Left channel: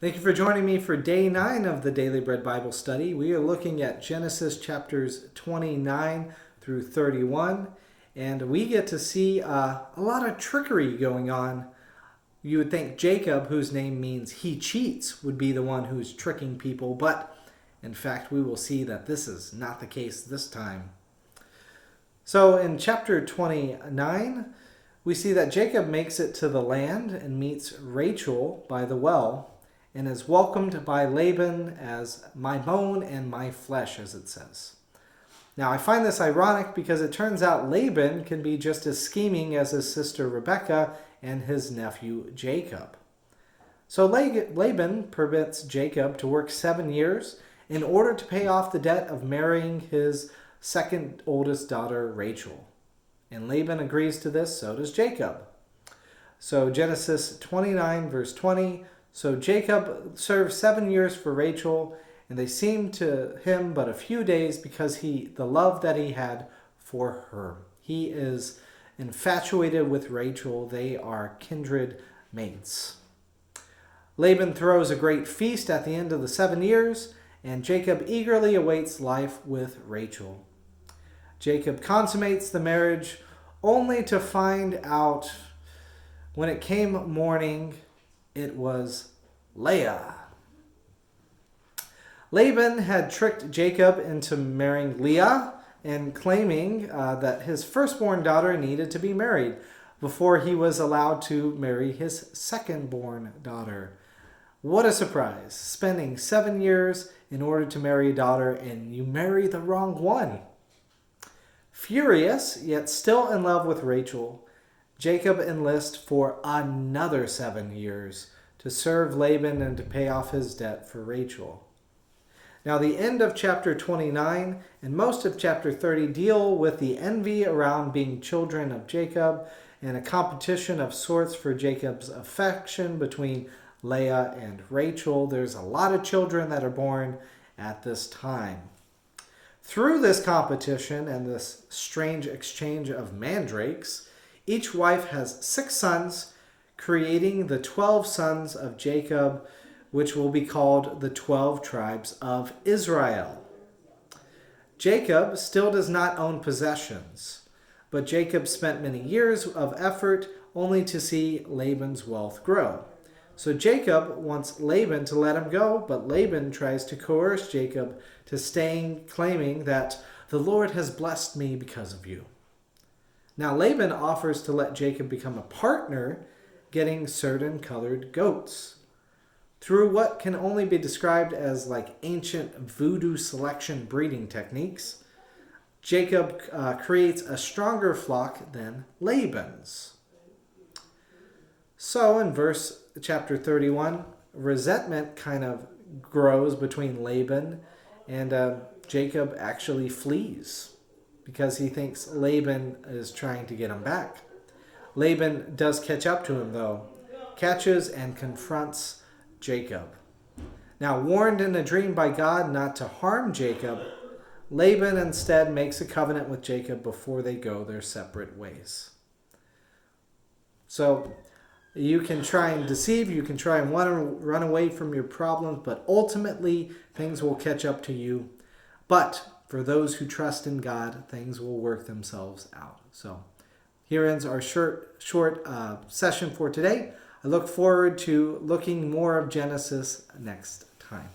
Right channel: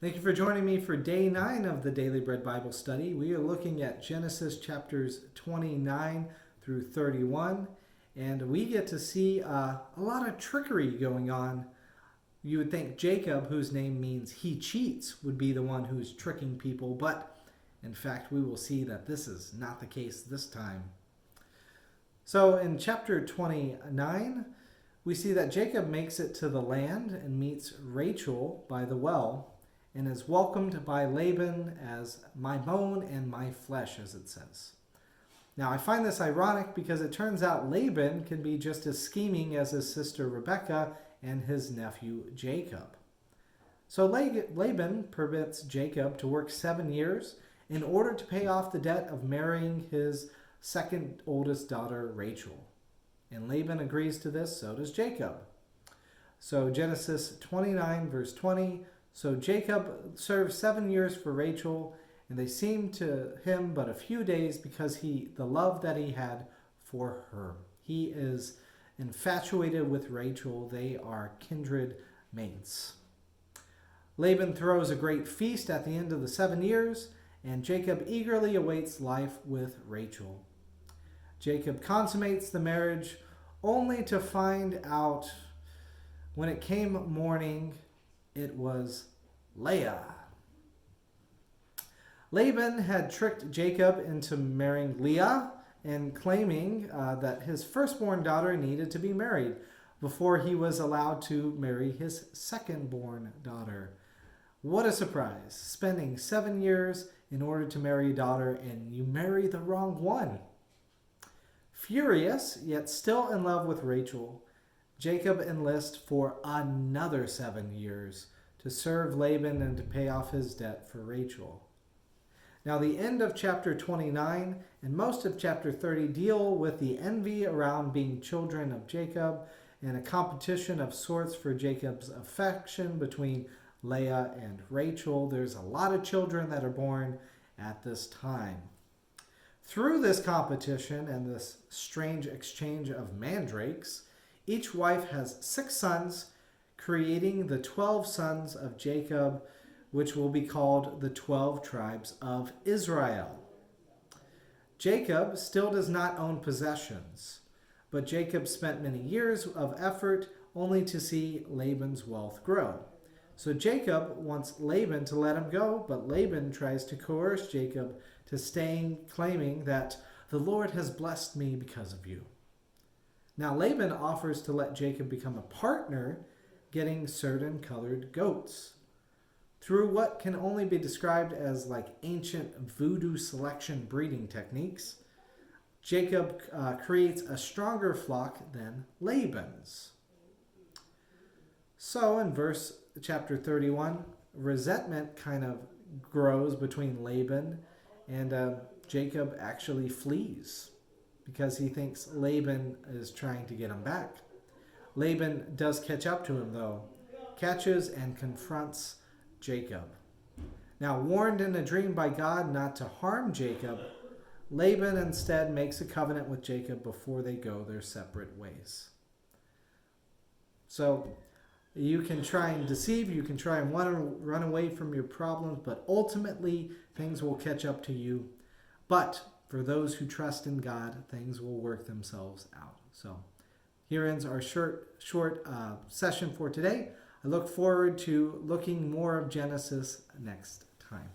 Thank you for joining me for day 9 of the Daily Bread Bible Study. We are looking at Genesis chapters 29 through 31, and we get to see a lot of trickery going on. You would think Jacob, whose name means he cheats, would be the one who's tricking people, but in fact, we will see that this is not the case this time. So in chapter 29, we see that Jacob makes it to the land and meets Rachel by the well, and is welcomed by Laban as my bone and my flesh, as it says. Now, I find this ironic because it turns out Laban can be just as scheming as his sister Rebekah and his nephew Jacob. So Laban permits Jacob to work 7 years in order to pay off the debt of marrying his second oldest daughter, Rachel. And Laban agrees to this, so does Jacob. So Genesis 29, verse 20, so Jacob served 7 years for Rachel, and they seemed to him but a few days because the love that he had for her. He is infatuated with Rachel. They are kindred mates. Laban throws a great feast at the end of the 7 years, and Jacob eagerly awaits life with Rachel. Jacob consummates the marriage only to find out when it came morning, it was Leah. Laban had tricked Jacob into marrying Leah and claiming that his firstborn daughter needed to be married before he was allowed to marry his secondborn daughter. What a surprise. Spending 7 years in order to marry a daughter, and you marry the wrong one. Furious, yet still in love with Rachel, Jacob enlists for another 7 years to serve Laban and to pay off his debt for Rachel. Now, the end of chapter 29 and most of chapter 30 deal with the envy around being children of Jacob and a competition of sorts for Jacob's affection between Leah and Rachel. There's a lot of children that are born at this time. Through this competition and this strange exchange of mandrakes, each wife has 6 sons, creating the 12 sons of Jacob, which will be called the 12 tribes of Israel. Jacob still does not own possessions, but Jacob spent many years of effort only to see Laban's wealth grow. So Jacob wants Laban to let him go, but Laban tries to coerce Jacob to staying, claiming that the Lord has blessed me because of you. Now Laban offers to let Jacob become a partner, getting certain colored goats. Through what can only be described as like ancient voodoo selection breeding techniques, Jacob creates a stronger flock than Laban's. So in chapter 31, resentment kind of grows between Laban and Jacob actually flees because he thinks Laban is trying to get him back. Laban does catch up to him, though, catches and confronts Jacob. Now, warned in a dream by God not to harm Jacob, Laban instead makes a covenant with Jacob before they go their separate ways. So, you can try and deceive, you can try and run away from your problems, but ultimately things will catch up to you. But for those who trust in God, things will work themselves out. So here ends our short session for today. I look forward to looking more of Genesis next time.